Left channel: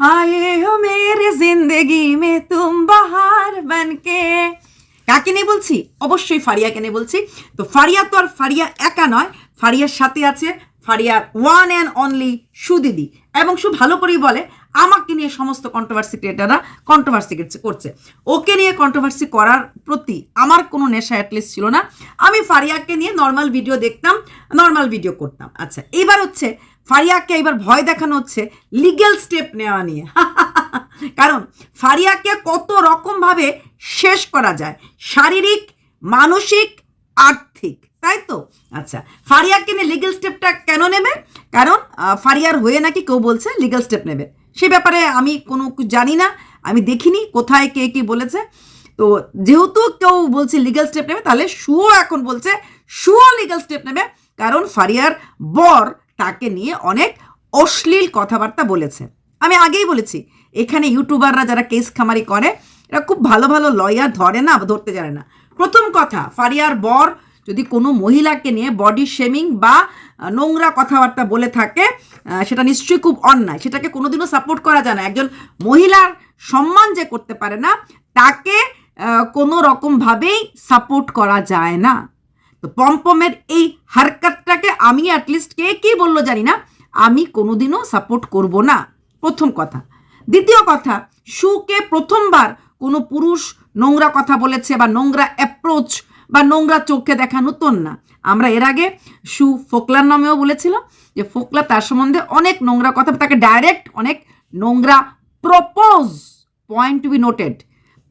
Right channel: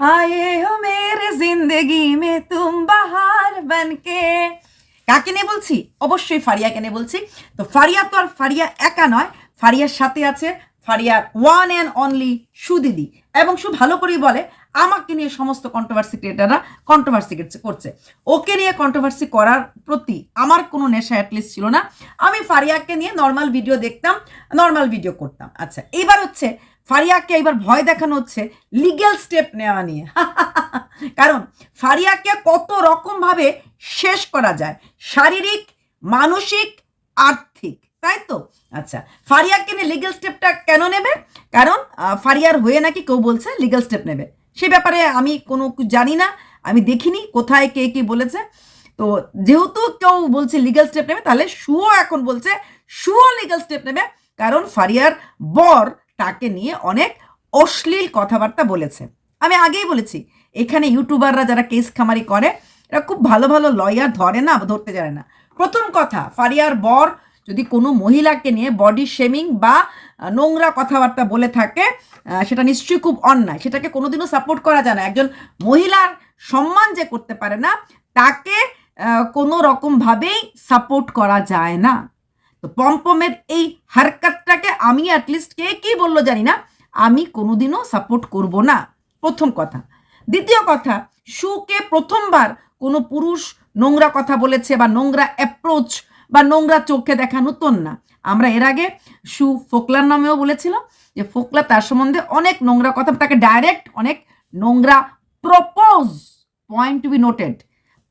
आए हो मेरे जिंदगी में तुम बाहर बनके। কাকে নিয়ে বলছি? অবশ্যই ফারিয়াকে নিয়ে বলছি। তো ফারিয়া তো আর ফারিয়া একা নয়, ফারিয়ার সাথে আছে ফারিয়ার ওয়ান অ্যান্ড অনলি সুদিদি। এবং সু ভালো করেই বলে আমাকে নিয়ে সমস্ত কন্ট্রোভার্সি ক্রিয়েটাররা কন্ট্রোভার্সি করছে। ওকে নিয়ে কন্ট্রোভার্সি করার প্রতি আমার কোনো নেশা অ্যাটলিস্ট ছিল না। আমি ফারিয়াকে নিয়ে নর্মাল ভিডিও দেখতাম, নর্মাল ভিডিও করতাম। আচ্ছা, এবার হচ্ছে ফারিয়াকে এবার ভয় দেখানো হচ্ছে লিগ্যাল স্টেপ নেওয়া নিয়ে। কারণ ফারিয়াকে কত রকমভাবে শেষ করা যায়, শারীরিক, মানসিক, আর্থিক, তাই তো? আচ্ছা, ফারিয়াকে নিয়ে লিগ্যাল স্টেপটা কেন নেবে? কারণ ফারিয়ার হয়ে নাকি কেউ বলছে লিগ্যাল স্টেপ নেবে। সে ব্যাপারে আমি কোনো জানি না, আমি দেখিনি কোথায় কে কি বলেছে। তো যেহেতু কেউ বলছে লিগ্যাল স্টেপ নেবে, তাহলে শুও এখন বলছে শুও লিগ্যাল স্টেপ নেবে। কারণ ফারিয়ার বর তাকে নিয়ে অনেক অশ্লীল কথাবার্তা বলেছে। আমি আগেই বলেছি এখানে ইউটিউবাররা যারা কেস খামারি করে এরা খুব ভালো ভালো লয়ার ধরে না, ধরতে জানে না। প্রথম কথা, ফারিয়ার বর যদি কোনো মহিলাকে নিয়ে বডি শেমিং বা নোংরা কথাবার্তা বলে থাকে সেটা নিশ্চয়ই খুব অন্যায়, সেটাকে কোনোদিনও সাপোর্ট করা যায় না। একজন মহিলার সম্মান যে করতে পারে না তাকে কোনো রকমভাবেই সাপোর্ট করা যায় না। তো পম্পমের এই হারকাতটাকে আমি অ্যাটলিস্ট কে কি বললো জানি না, আমি কোনোদিনও সাপোর্ট করব না, প্রথম কথা। দ্বিতীয় কথা, শুকে প্রথমবার কোনো পুরুষ নোংরা কথা বলেছে বা নোংরা অ্যাপ্রোচ বা নোংরা চোখে দেখা নতুন না। আমরা এর আগে শু ফোকলার নামেও বলেছিল যে ফোকলা তার সম্বন্ধে অনেক নোংরা কথা, তাকে ডাইরেক্ট অনেক নোংরা propose, point to be noted.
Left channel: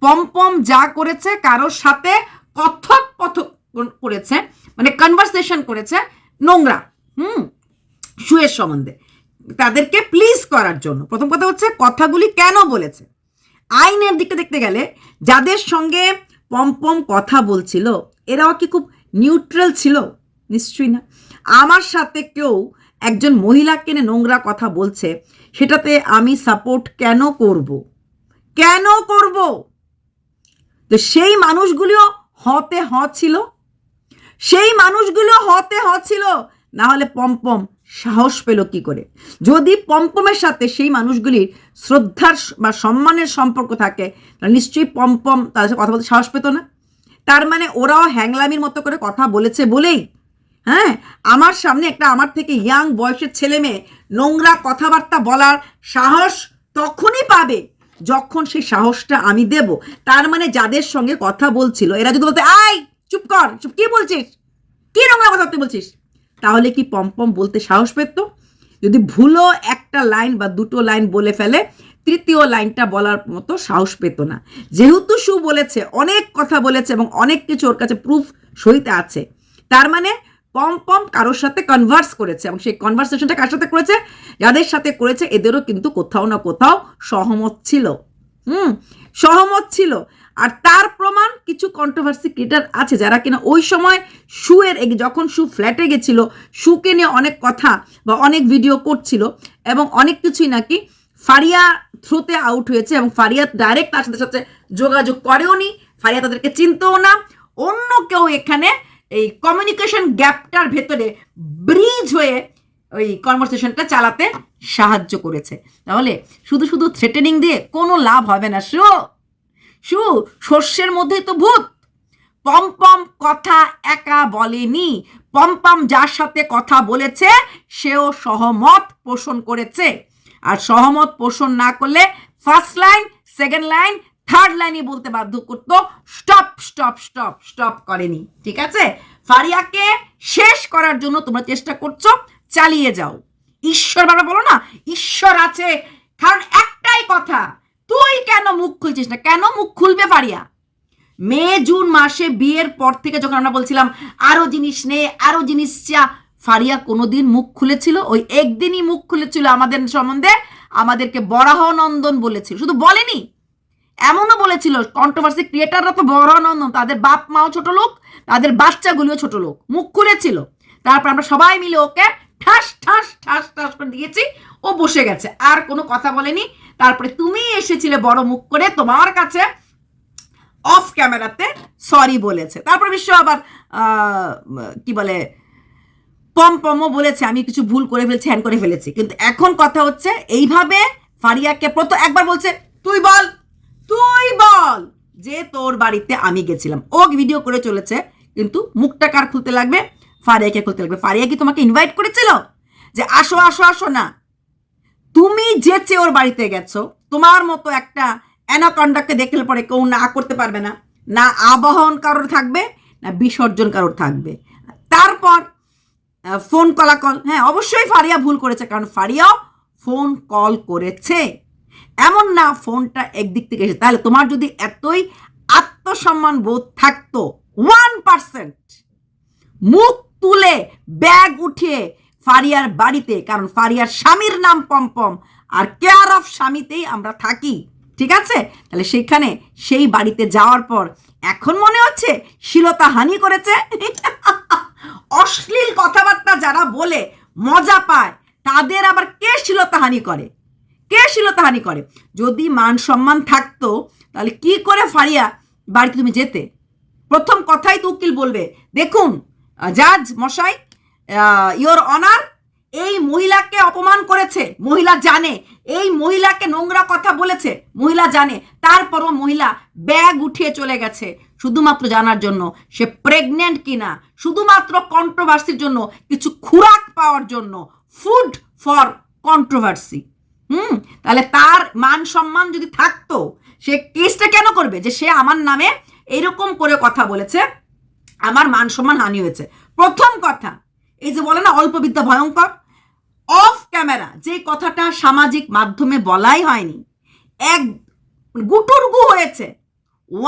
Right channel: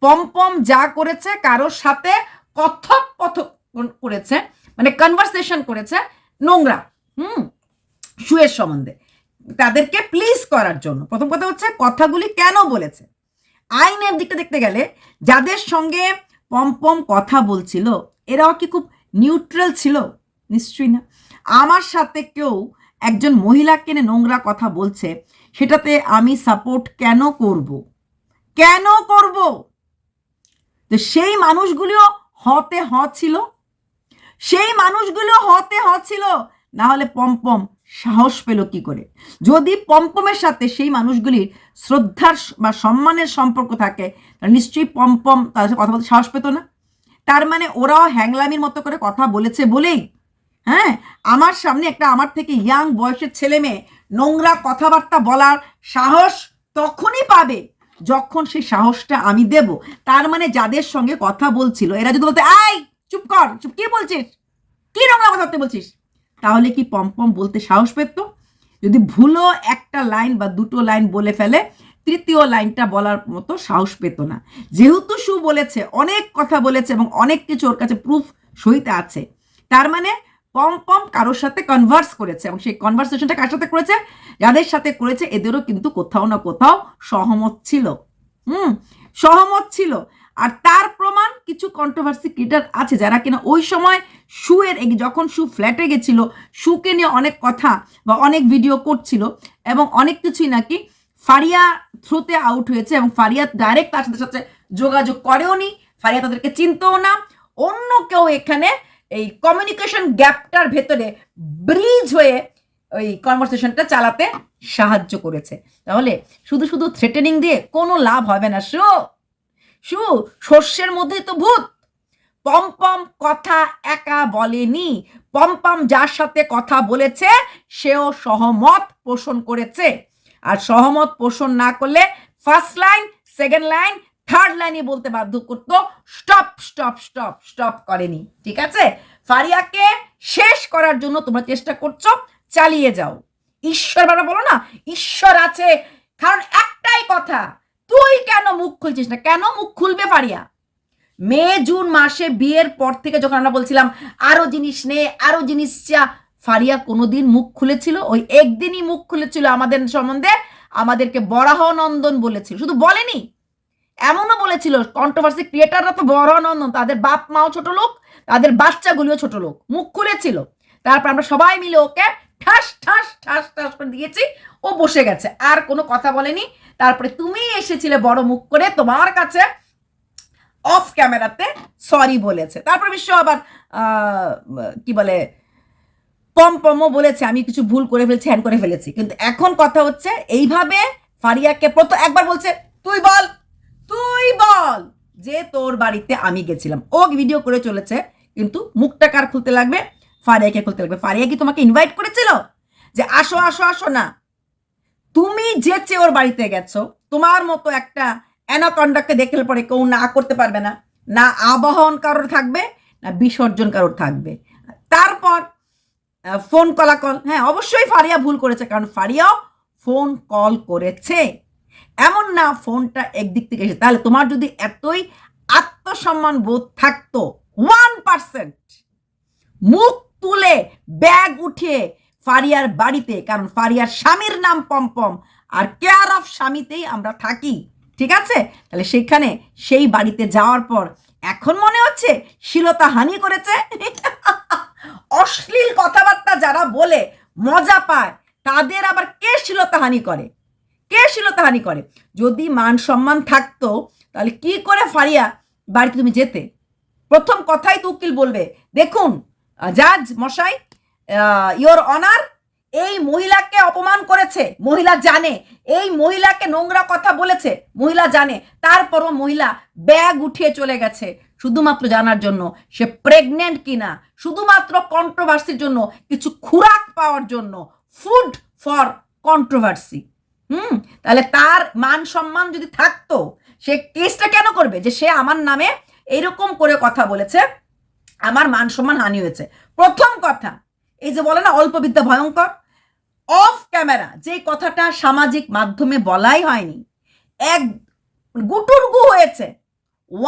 Pompom যা করেছে কারোর সাথে কথোপকথন করেছে, মানে কনভারসেশন করেছে নোংরা শুয়ের সম্বন্ধে, তাদেরকে প্লিজ করার জন্য। প্রথম কথা হচ্ছে কথাগুলি কেন বলেছে। আইনের দিকটা দেখতে গেলে যাদের সঙ্গে পম্পম কথা বলছিল এরাও কি খুব নিউট্রাল ছিল? নিশ্চয়ই না। আমার সাথে কেউ একজন মহিলাকে নিয়ে নোংরা কথা বলছে, সেটাতে আমি সাপোর্ট কেন করব? কেন করব? তো সেই মানুষগুলিও হতে ছিল, সেই মানুষগুলো হতে ছিল, না হলে পম্পম সাহস পেল কি করে? যদি পম্পমের সাথে সেই মানুষগুলির শ্রদ্ধার বা সম্মানের সম্পর্ক থাকে তাহলে নিশ্চয়ই পম্পম তাদের সাথে কথা বলতে সাহস পেত না। তার মানে ওরাও হ্যাংলামির মতো করে কথা বলেছে বলেই হ্যাঁ আমার সামনে একটা আমার থেকে ইয়াং বয়সের ছেলে মেয়ে নোংরা কথাবার্তা বলার সাহস তখনই পাবে যখন সেই সাহসটা আমি দেব। তার মানে যাদের সঙ্গে কথা বলছিল এরা যদি বলতে আই চুপ কর, চুপ, কি বলছিস, কি নোংরা কথা বলছিস, তাহলে কি পম্পম বলতে সাহস পেত? যদি ভুলও একটা লাইন বা দুটো লাইন বলে ফেলে তৃতীয় লাইনটা বলার মতো সাহস পেত না। যেহেতু শু বলেছে, অনেক কথা বলেছে এবং অনেক কিছু ওর কাছে প্রুফ সহিত আছে, তার মানে পম্পম কারোর সাথে কনভার্স করেছে এবং সেই কনভারসেশনটা কার সাথে করেছে? যাদের সাথে করেছে এদেরও কিন্তু কোথাও না কোথাও সহমত ছিল। সহমত ছিল। আর তার প্রমাণ কিছু কন্ট্রোভার্সি ক্রিয়েটার আছে যারা কিনা ওই সময় শুয়ের যখন শু ফ্ল্যাটে গেছিল শুকে নিয়ে অনেক কথা বা অনেক ভিডিও করছিল এবং অনেক কিছুই নাকি ফারিয়া থ্রুতে আউট হয়েছে এবং ফারিয়া ডাইরেক্ট তার সাথে সাথে যোগাযোগ করেও নি, ফারিয়া তাদেরকে চিনতেও না। অন্য কেউ এখানে এই কমিউনিকেশন গ্যাপটার ভেতরে ব্রিজ হয়ে ওই কনভারসেশনটা চালাতে সাহায্য করেছে। তাহলে শুধু শুধু থ্রেটেনিং দিয়ে কোনো লাভ হবে না। শু শস্যের মধ্যে তো ভূত। পম্পম কথা একা বলেনি, পম্পম যার সাথে কথা বলেছে সেও সহমত পোষণ করেছে। আর সহমত পোষণ না করলে first line, second line, third লাইনে বলতে বাধ্য করতো স্টপ স্টপ স্টপ স্টপ, করেনি। ঠিক আছে, ফারিয়াকে শেষ করার জন্য তোমরা চেষ্টা করছো, চালিয়ে যাও। ঈশ্বর বাবা বলো না ঈশ্বর আছে, কারণ একটাই কথা, তুই কেন মুখ খুলছিস না? কেন মুখ খুলবে ফারিয়া? মে জুন মাসে বিয়ের পর থেকে যখন আমরা বলছিলাম আরো জিনিস নে, আরো জিনিস চা, ফারিয়া কোনোদিন মুখ খুলেছিল? ওই একদিনই মুখ খুলেছিল আমাদের সম্বন্ধে, আমাদেরকে বরাহ নন্দন বলেছিল। শুধু বলেনি, এমনও বলেছিল কন্ট্রোভার্সি ক্রিয়েটাররা তো বরাহ নন্দন, তাদের বাপ মাও ছোট লোক, তাদের বাচ্চাগুলিও ছোট লোক। মুখ খুলেছিল, তারপর আমরা সবাই মিলে ওকে ঠাস ঠাস ঠাস ঠাস করে দিয়েছি, ও বসে গেছে, আর কোনো কথা বলেনি। তারপরে তুমি এসেছিলে বড় মুখ করে, তোমার কাছে অফ ক্যামেরাতে সরি বলেছে। তারপর বিশ্ব আবার কি বলে পম্পমও বলেছে আমি কিছু ভুল করে ফেলছি, হ্যান করে ফেলেছি। কিন্তু এখন কথা হচ্ছে এইভাবে ফারিয়াকে প্রথম একবার বলছে তুই বল যে তোর বাড়িতে আমি গেছিলাম। ও ভিডিও করে চলেছে, কিন্তু মুখটা কার খুলতে লাগবে? ফারিয়াকে খুলতে লাগবে। ফারিয়া কি তোমাকে ইনভাইট করেছিল যে আসো আসো আসো? না, তুমি যেচে ওর বাড়িতে গেছো। তোমার মতো একটা অ্যানাকন্ডাকে দেখলে পরে কেউ না করতে পারবে না, না আবাহন কারোর থাকবে, না বিসর্জন কারোর থাকবে। তারপর ফোন কলাকল, হ্যাঁ অবশ্যই ফারিয়া ভুল করেছে, কারণ ফারিয়াও ফোন কল করেছে। এমন না ফোনটা একদিক থেকে এসে। তাহলে তোমার যদি এতই আত্মসম্মান বোধ থাকতো, 1% মুখ তুলে ব্যাগ উঠিয়ে ফারিয়ার বাড়িতে, কারণ ফারিয়ার স্বামীর নাম পম্পম আর কেয়ার অফ স্বামীতেই আমরা থাকি, ঠিক আছে? তাহলে সেখানে সেই বাড়িতে যাওয়ার পর এখন মনে হচ্ছে শ্লীলতাহানি করেছে। অশ্লীল কথাবার্তা যারা বলে মজা পায়, তাদের আবার কে শ্লীলতাহানি করে? কে শ্লীলতাহানি করে? যদি মান সম্মান থাকতো তাহলে কি করে ফারিয়া বাড়িতে তুমি যেতে? প্রথম কথাই তো উকিল বলবে, দেখুন জাজ মশাই, ইয়োর অনার, এই মহিলাকে অপমান করেছে, মহিলা জানে, এই মহিলাকে নোংরা কথা বলেছে, মহিলা জানে, তারপরও মহিলা ব্যাগ উঠিয়ে চলে গেছে শুধুমাত্র জানার জন্য সে প্রেগনেন্ট কিনা, শুধুমাত্র কন্ট্রোভার্সির জন্য, কিছু খুরাক পাওয়ার জন্য, ফুড ফর কন্ট্রোভার্সি। তাহলে তার মান সম্মান যদি থাকতো, সে কেসটা কেন করবে যে সে আমার নামে এরকম করে কথা বলেছে, আমার মান সম্মান হানি হয়েছে? প্রথম কথা, এই যে বলে না অল্প বিদ্যা ভয়ঙ্কর, অফ ক্যামেরা যে কথাটা সামাজিক মাধ্যমে বলাই হয়নি, এক গুটুরগু হয়েছে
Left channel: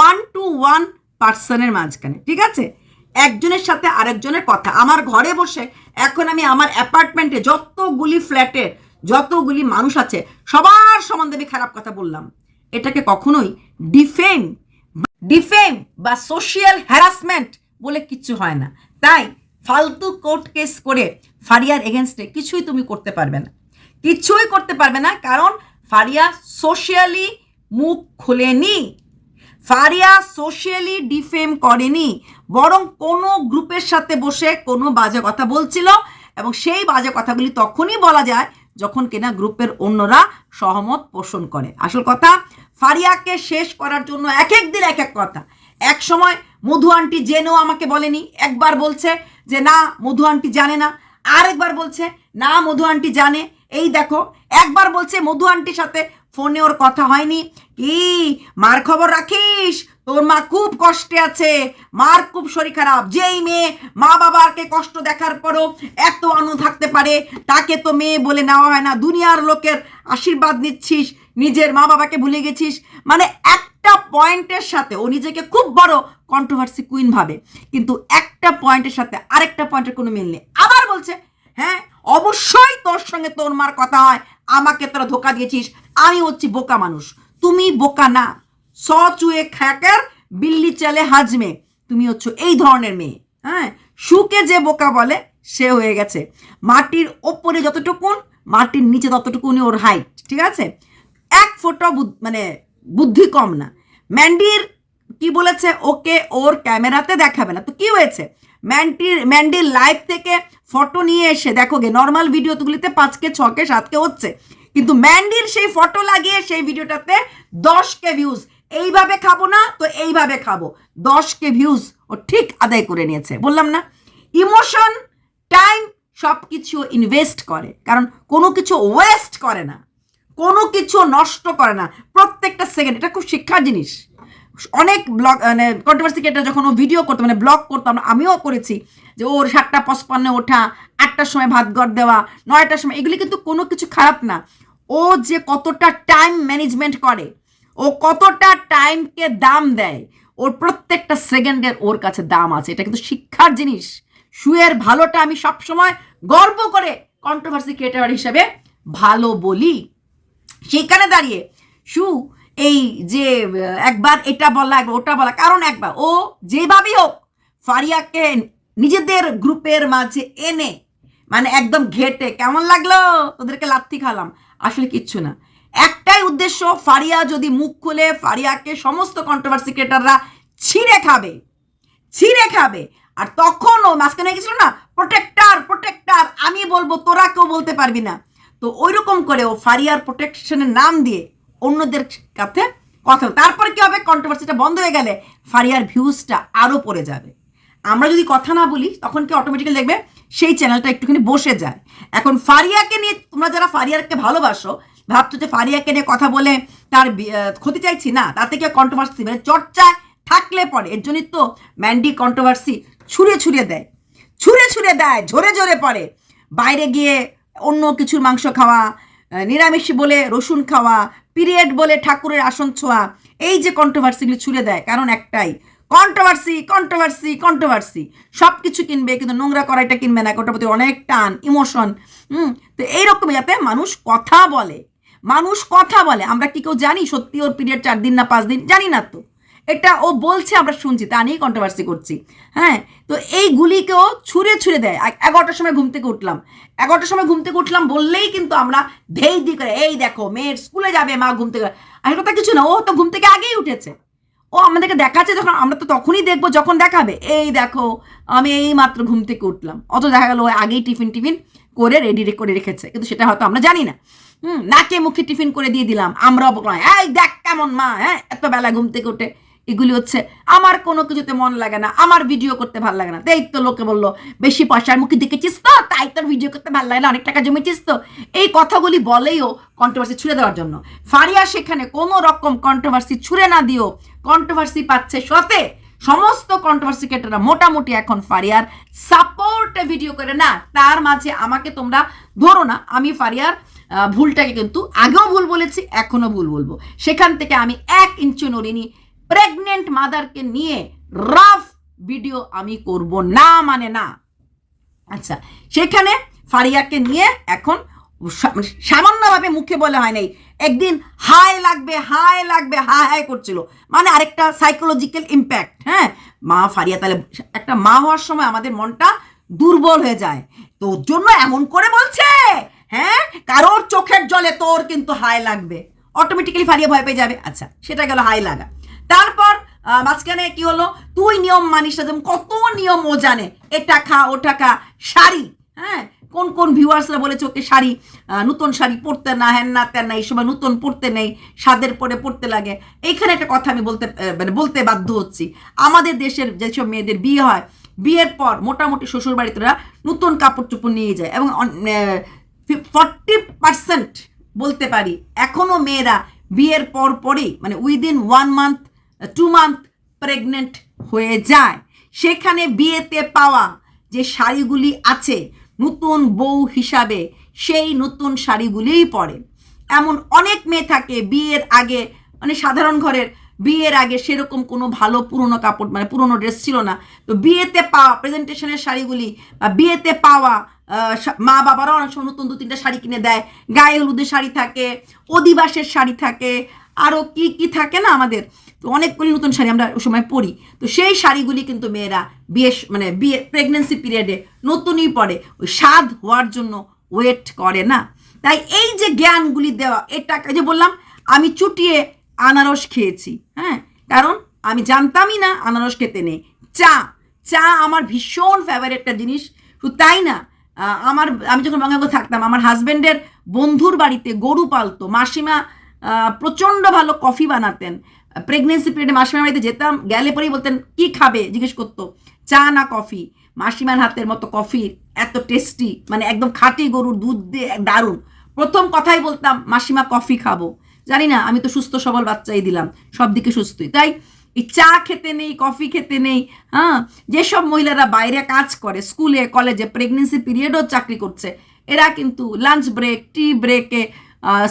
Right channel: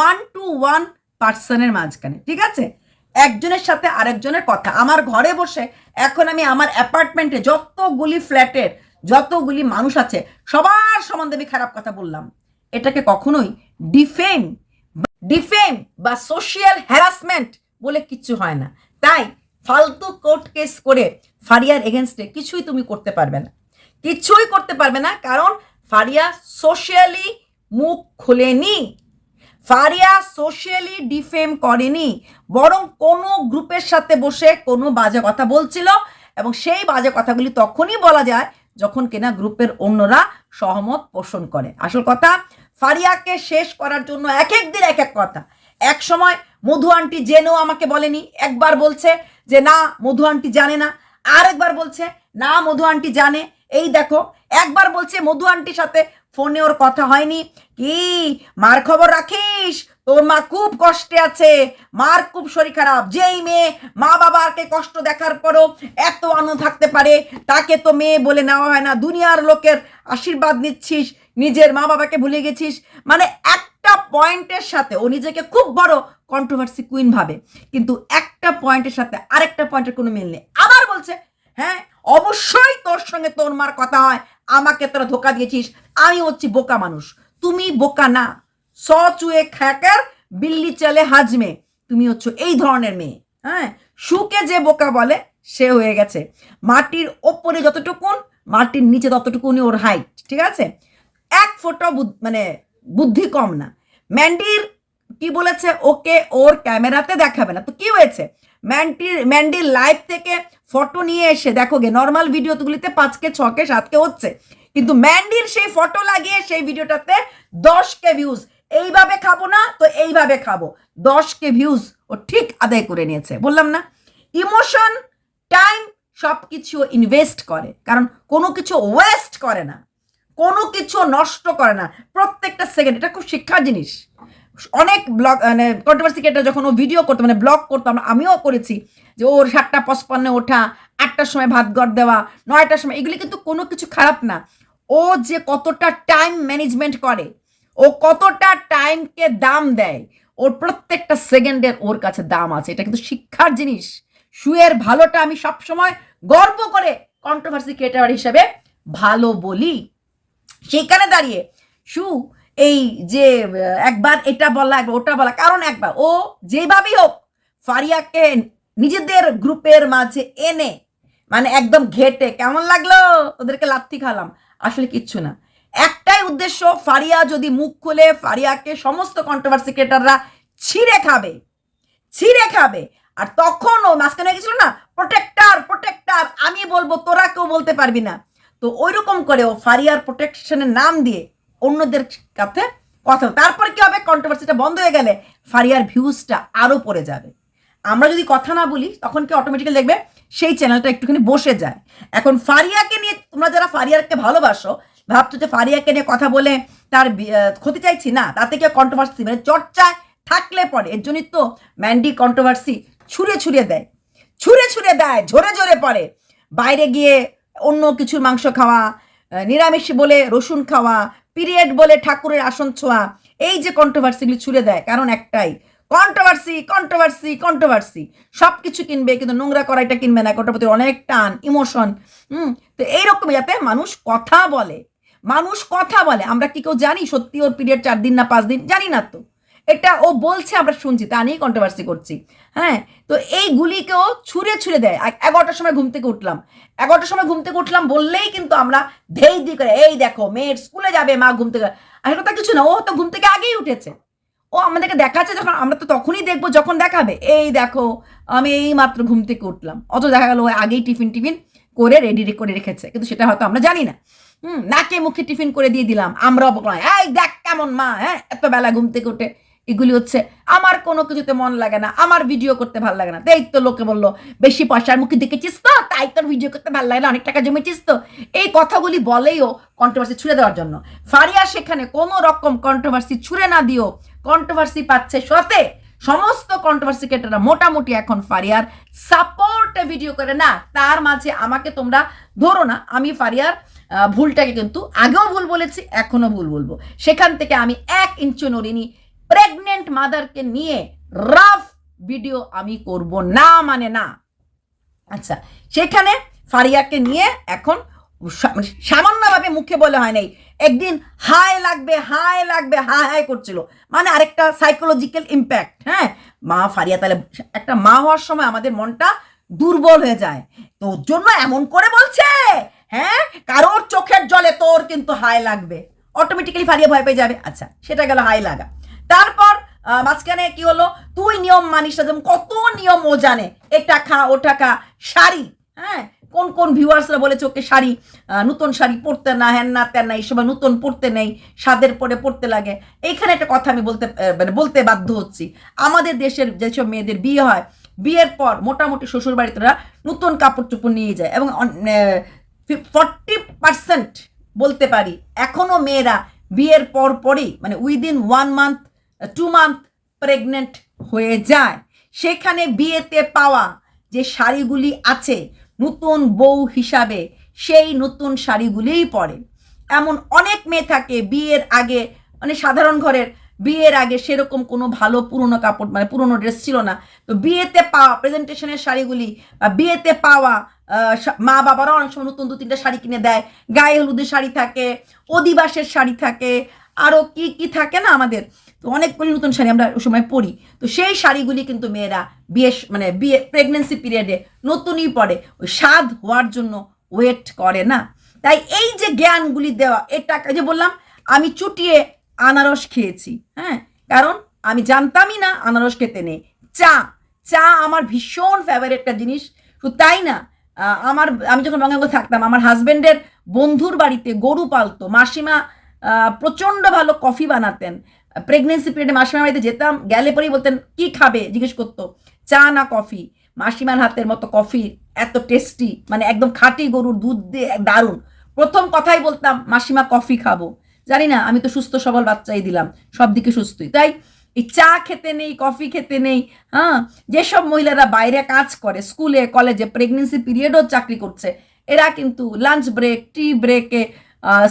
1 to 1 পার্সনের মাঝখানে, ঠিক আছে? একজনের সাথে আরেকজনের কথা। আমার ঘরে বসে এখন আমি আমার অ্যাপার্টমেন্টে যতগুলি ফ্ল্যাটের যতগুলি মানুষ আছে সবার সম্বন্ধে আমি খারাপ কথা বললাম। এটাকে কখনোই ডিফেম বা সোশিয়াল হ্যারাসমেন্ট বলে কিচ্ছু হয় না। তাই ফালতু কোর্ট কেস করে ফারিয়ার এগেনস্টে কিছুই তুমি করতে পারবে না, কিছুই করতে পারবে না, কারণ ফারিয়া সোশিয়ালি মুখ খোলেনি, ফারিয়া সোশিয়ালি ডিফেম করেনি, বরং কোনো গ্রুপের সাথে বসে কোনো বাজে কথা বলছিল, এবং সেই বাজে কথাগুলি তখনই বলা যায় যখন কিনা গ্রুপের অন্যরা সহমত পোষণ করে। আসল কথা, ফারিয়াকে শেষ করার জন্য এক এক দিন এক এক কথা। এক সময় মধু আন্টি জেনেও আমাকে বলেনি, একবার বলছে যে না মধু আন্টি জানে না, আরেকবার বলছে না মধু আন্টি জানে। এই দেখো, একবার বলছে মধু আন্টির সাথে ফোনে ওর কথা হয়নি, কি মার খবর রাখিস, তোর মা খুব কষ্টে আছে, মার খুব শরীর খারাপ। যেই মেয়ে মা বাবাকে কষ্ট দেখার পরও এত আনন্দ থাকতে পারে, তাকে তো মেয়ে বলে নেওয়া হয় না। দুনিয়ার লোকের আশীর্বাদ নিচ্ছিস, নিজের মা বাবাকে ভুলে গেছিস। মানে একটা পয়েন্টের সাথে ও নিজেকে খুব বড় কন্ট্রোভার্সি কুইন ভাবে, কিন্তু একটা পয়েন্টের সাথে আরেকটা পয়েন্টের কোনো মিল নেই। আবার বলছে হ্যাঁ অবশ্যই তোর সঙ্গে তোর মার কথা হয়, আমাকে তোরা ধোকা দিয়েছিস, আমি হচ্ছি বোকা মানুষ। তুমি বোকা না, চুয়ে খাকার বিল্লি চালে হাজমে, তুমি হচ্ছ এই ধরনের মেয়ে। হ্যাঁ, সুকে যে বোকা বলে সে হয়ে গেছে। মাটির ওপরে যতটুকুন, মাটির নিচে ততটুকুনি ওর হাইট, ঠিক আছে? এক ফোঁটা মানে বুদ্ধি কম না। ম্যান্ডির কি বলেছে, ওকে ওর ক্যামেরাতে দেখাবে না, তো কি হয়েছে? ম্যান্ডির লাইভ থেকে ফটো নিয়ে এসে দেখো গে, নর্মাল ভিডিওগুলিতে 5K 6K 7K হচ্ছে, কিন্তু ম্যান্ডির সেই ফটো লাগিয়ে সেই ভিডিওটাতে 10K ভিউজ। এইভাবে খাবো না তো এইভাবে খাবো, 10K ভিউজ ও ঠিক আদায় করে নিয়েছে। বললাম না, ইমোশন, টাইম সব কিছু ইনভেস্ট করে, কারণ কোনো কিছু ওয়েস্ট করে না, কোনো কিছু নষ্ট করে না, প্রত্যেকটা সেকেন্ড। এটা খুব শিক্ষার জিনিস। অনেক ব্লগ মানে কন্ট্রোভার্সি ক্রিয়েটর যখন ও ভিডিও করতো, মানে ব্লগ করতো, আমিও করেছি, যে ওর 7:55 ওঠা, 8টার সময় ভাত গড় দেওয়া, 9টার সময়, এগুলি কিন্তু কোনো কিছু খারাপ না। ও যে কতটা টাইম ম্যানেজমেন্ট করে, ও কতটা টাইমকে দাম দেয়, ওর প্রত্যেকটা সেকেন্ডের ওর কাছে দাম আছে। এটা কিন্তু শিক্ষার জিনিস। শুয়ের ভালোটা আমি সবসময় গর্ব করে কন্ট্রোভার্সি ক্রিয়েটর হিসেবে ভালো বলি। সেখানে দাঁড়িয়ে শু এই যে একবার এটা বলা একবার ওটা বলা, কারণ একবার ও যেভাবেই হোক ফারিয়াকে নিজেদের গ্রুপের মাঝে এনে মানে একদম ঘেটে, কেমন লাগলো ওদেরকে লাথি খালাম, আসলে কিচ্ছু না। একটাই উদ্দেশ্য, ফারিয়া যদি মুখ খুলে ফারিয়াকে সমস্ত কন্ট্রোভার্সি ক্রিয়েটররা ছিঁড়ে খাবে। আর তখন ও মাঝখানে গেছিল না, প্রোটেক্টার, আমি বলবো তোরা কেউ বলতে পারবি না। তো ওই রকম করে ও ফারিয়ার প্রোটেকশনের নাম দিয়ে অন্যদের কাছে কথা, তারপরে কি হবে, কন্ট্রোভার্সিটা বন্ধ হয়ে গেলে ফারিয়ার ভিউজটা আরও পড়ে যাবে। আমরা যদি কথা না বলি তখন কি অটোমেটিক্যালি দেখবে সেই চ্যানেলটা একটুখানি বসে যায়। এখন ফারিয়াকে নিয়ে তোমরা যারা ফারিয়াকে ভালোবাসো ভাবছো যে ফারিয়াকে নিয়ে কথা বলে তার ক্ষতি চাইছি না, তাতে কি কন্ট্রোভার্সি মানে চর্চায় থাকলে পরে, এর জন্যই তো ম্যান্ডি কন্ট্রোভার্সি ছুঁড়ে দেয়, ঝরে ঝরে পড়ে। বাইরে গিয়ে অন্য কিছুর মাংস খাওয়া, নিরামিষ বলে রসুন খাওয়া, পিরিয়ড বলে ঠাকুরের আসন ছোঁয়া, এই যে কন্ট্রোভার্সিগুলি ছুঁড়ে দেয়, কারণ একটাই, কন্ট্রোভার্সি সব কিছু কিনবে কিন্তু নোংরা করাইটা কিনবে না, ওটার প্রতি অনেক টান, ইমোশন। তো এইরকম যাতে মানুষ কথা বলে। আমরা কি কেউ জানি সত্যি ওর পিরিয়ড 4 দিন না 5 দিন, জানি না তো, এটা ও বলছে আমরা শুনছি, তা নিয়েই কন্ট্রোভার্সি করছি। হ্যাঁ, তো এইগুলিকেও ছুঁড়ে দেয়। 11টার সময় ঘুম থেকে উঠলাম বললেই কিন্তু আমরা ধেই দি করে, এই দেখো মেয়ের স্কুলে যাবে, মা ঘুম থেকে, আর কথা কিছু না, ও তো ঘুম থেকে আগেই উঠেছে, ও আমাদেরকে দেখাচ্ছে যখন, আমরা তো তখনই দেখবো যখন দেখাবে, এই দেখো আমি এই মাত্র ঘুম থেকে উঠলাম, অত দেখা গেল আগেই টিফিন করে রেডি করে রেখেছে, কিন্তু সেটা হয়তো আমরা জানি না। নাকে মুখে টিফিন করে দিয়ে দিলাম, আমরাও বললাম এই দেখ কেমন মা, হ্যাঁ এত বেলা ঘুম থেকে উঠে। এগুলি হচ্ছে আমার কোনো কিছুতে মন লাগে না, আমার ভিডিও করতে ভালো লাগে না, তাই তো লোকে বললো বেশি পয়সার মুখে দেখেছিস তো, তাই তোর ভিডিও করতে ভালো লাগে না, অনেক টাকা জমেছিস তো, এই কথাগুলি বলেইও কন্ট্রোভার্সি ছুড়ে দেওয়ার জন্য। ফারিয়া সেখানে কোনো রকম কন্ট্রোভার্সি ছুড়ে না দিও, কন্ট্রোভার্সি পাচ্ছে সাথে সমস্ত কন্ট্রোভার্সি ক্রিয়েটররা মোটামুটি এখন ফারিয়ার সাপোর্টে ভিডিও করে না, তার মাঝে আমাকে তোমরা ধরো না, আমি ফারিয়ার ভুলটাকে কিন্তু আগেও ভুল বলেছি, এখনো ভুল বলবো। সেখান থেকে আমি 1 ইঞ্চি নড়িনি, প্রেগনেন্ট মাদারকে নিয়ে রাফ ভিডিও আমি করব না, মানে না। আচ্ছা, সেখানে ফারিয়াকে নিয়ে এখন সামান্যভাবে মুখে বলে হয় নাই, একদিন হাই লাগবে করছিল, মানে আরেকটা সাইকোলজিক্যাল ইম্প্যাক্ট। হ্যাঁ, মা ফারিয়া, তাহলে একটা মা হওয়ার সময় আমাদের মনটা দুর্বল হয়ে যায়, তোর জন্য এমন করে বলছে, হ্যাঁ কারোর চোখের জলে তোর কিন্তু হাই লাগবে, অটোমেটিক্যালি ফারিয়া ভয় পেয়ে যাবে। আচ্ছা, সেটা গেল হাই লাগা। তারপর মাঝখানে কি হলো, তুই নিয়ম মানিস না, যেমন কত নিয়ম ও জানে, এটা খা ওটা খা, শাড়ি, হ্যাঁ কোন ভিউয়ার্সরা বলেছে ওকে শাড়ি, নতুন শাড়ি পরতে না, হ্যান না তেন না, এই সময় নতুন পরতে নেই, স্বাদের পরে পরতে লাগে। এইখানে একটা কথা আমি বলতে বাধ্য হচ্ছি, আমাদের দেশের যেসব মেয়েদের বিয়ে হয়, বিয়ের পর মোটামুটি শ্বশুর বাড়িতে নতুন কাপড় চোপড় নিয়ে যায়, এবং 40% বলতে পারি এখনো মেয়েরা বিয়ের পরই মানে উইদিন 1 মান্থ 2 মান্থ প্রেগনেন্ট হয়ে যায়। সেখানে বিয়েতে পাওয়া যে শাড়িগুলি আছে নতুন বউ হিসাবে, সেই নতুন শাড়িগুলিই পরে। এমন অনেক মেয়ে থাকে বিয়ের আগে, মানে সাধারণ ঘরের বিয়ের আগে সেরকম কোনো ভালো পুরনো কাপড়, মানে পুরনো ড্রেস ছিল না, তো বিয়েতে পাওয়া প্রেজেন্টেশনের শাড়িগুলি বা বিয়েতে পাওয়া মা বাবারাও অনেক সময় নতুন 2-3টা শাড়ি কিনে দেয়, গায়ে হলুদের শাড়ি থাকে, অধিবাসের শাড়ি থাকে, আরও কি থাকে না আমাদের, তো অনেকগুলি নতুন শাড়ি আমরা ওই সময় পরি। তো সেই শাড়িগুলি কিন্তু মেয়েরা বিয়ে প্রেগনেন্সি পিরিয়ডে নতুনই পরে, ওই স্বাদ হওয়ার জন্য ওয়েট করে না। তাই এই যে জ্ঞানগুলি দেওয়া, এটা যে বললাম আমি চুটিয়ে আনারস খেয়েছি, হ্যাঁ কারণ আমি জানতামই না আনারস খেতে নেই। চা আমার ভীষণ ফেভারিট একটা জিনিস। তো তাই না, আমি যখন বঙ্গাঙ্গ থাকতাম, আমার হাজব্যান্ডের বন্ধুর বাড়িতে গরু পালতো, মাসিমা প্রচণ্ড ভালো কফি বানাতেন। প্রেগনেন্সি পিরিয়ডে মাসিমার বাড়িতে যেতাম, গেলে পরেই বলতেন কি খাবে, জিজ্ঞেস করতো, চা না কফি। মাসিমার হাতের মতো কফি এত টেস্টি, মানে একদম খাঁটি গরুর দুধ দিয়ে দারুণ। প্রথম কথাই বলতাম মাসিমা কফি খাবো, জানি না আমি তো সুস্থ সবল বাচ্চাই দিলাম, সব দিকে সুস্থই। তাই এই চা খেতে নেই, কফি খেতে নেই। হ্যাঁ, যেসব মহিলারা বাইরে কাজ করে, স্কুলে কলেজে প্রেগনেন্সি পিরিয়ডও চাকরি করছে, এরা কিন্তু লাঞ্চ ব্রেক, টি ব্রেকে,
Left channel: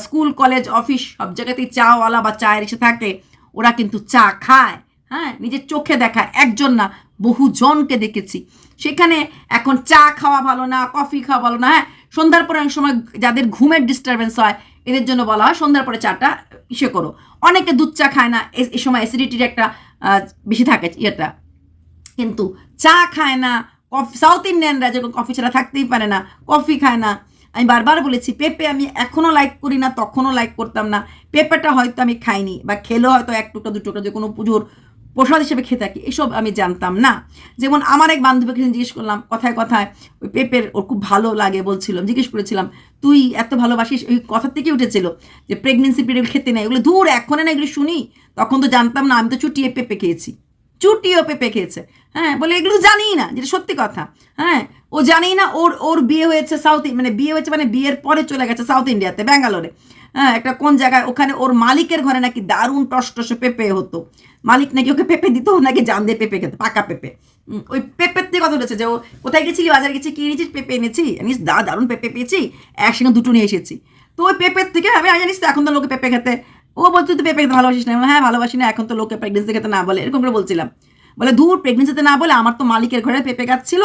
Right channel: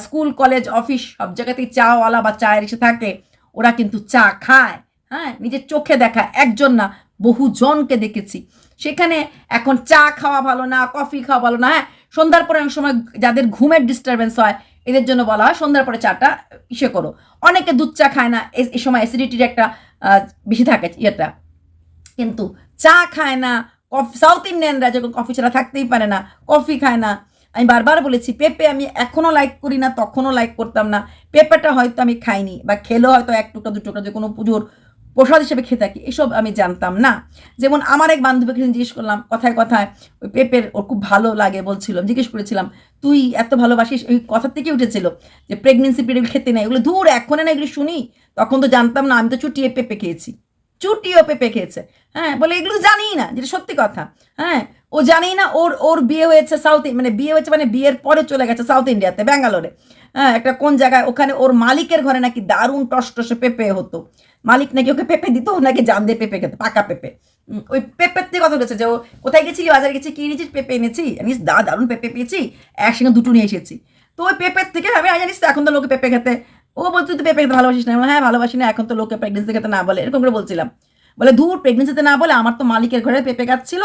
স্কুল কলেজ অফিস সব জায়গাতেই চাওয়ালা বা চায়ের এসে থাকে, ওরা কিন্তু চা খায়। হ্যাঁ, নিজের চোখে দেখা, একজন না বহুজনকে দেখেছি। সেখানে এখন চা খাওয়া ভালো না, কফি খাওয়া ভালো না। হ্যাঁ, সন্ধ্যার পরে অনেক সময় যাদের ঘুমের ডিস্টারবেন্স হয়, এদের জন্য বলা হয় সন্ধ্যার পরে চাটা ইসে করো। অনেকে দুধ চা খায় না, এই সময় অ্যাসিডিটির একটা বেশি থাকে ইয়েটা, কিন্তু চা খায় না। সাউথ ইন্ডিয়ানরা যেরকম কফি ছাড়া থাকতেই পারে না, কফি খায় না। আমি বারবার বলেছি, পেঁপে আমি এখনও লাইক করি না, তখনও লাইক করতাম না। পেঁপেটা হয়তো আমি খাইনি, বা খেলেও হয়তো 1 টুকরা 2 টুকরা, যে কোনো পুজোর প্রসাদ হিসেবে খেয়ে থাকি, এসব আমি জানতাম না। যেমন আমার এক বান্ধবীকে জিজ্ঞেস করলাম কথায় কথায়, ওই পেঁপের ওর খুব ভালো লাগে বলছিলাম, জিজ্ঞেস করেছিলাম তুই এত ভালোবাসিস, ওই কথার থেকে উঠেছিল যে প্রেগনেন্সি পিরিয়ড খেতে নেই, এগুলো দূর এখন না এগুলো শুনি, তখন তো জানতাম না, আমি তো চুটিয়ে পেঁপে খেয়েছি, চুটিও পেঁপে খেয়েছে। হ্যাঁ, বলে এগুলো জানিই না, যেটা সত্যি কথা। হ্যাঁ, ও জানেই না ওর ওর বিয়ে হয়েছে সাউথ, মানে বিয়ে হয়েছে মানে বিয়ের পরে চলে গেছে সাউথ ইন্ডিয়াতে, ব্যাঙ্গালোরে। হ্যাঁ, একটা কোন জায়গায় ওখানে ওর মালিকের ঘরে নাকি দারুণ টসটসে পেঁপে হতো, মালিক নাকি ওকে পেঁপে দিত, নাকি জান দিয়ে পেঁপে খেতে, পাকা পেঁপে। ওই পেঁপের থেকে কথা বলেছে যে ও কোথায় গেছিলি, বাজারে গেছি, কি এনেছিস, পেঁপে এনেছি, জানিস দারুণ পেঁপে পেয়েছি, একসঙ্গে দুটো নিয়ে এসেছি। তো ওই পেঁপের থেকে আমি জানিস তো এখন তো লোকে পেঁপে খেতে, ও বলতো তুই পেঁপে খেতে ভালোবাসিস না, হ্যাঁ ভালোবাসি না, এখন তো লোকে প্রেগনেন্সি খেতে না বলে, এরকম করে বলছিলাম। বলে ধুর, প্রেগনেন্সিতে না বলে, আমার তো মালিকের ঘরে পেঁপে গাছ ছিল,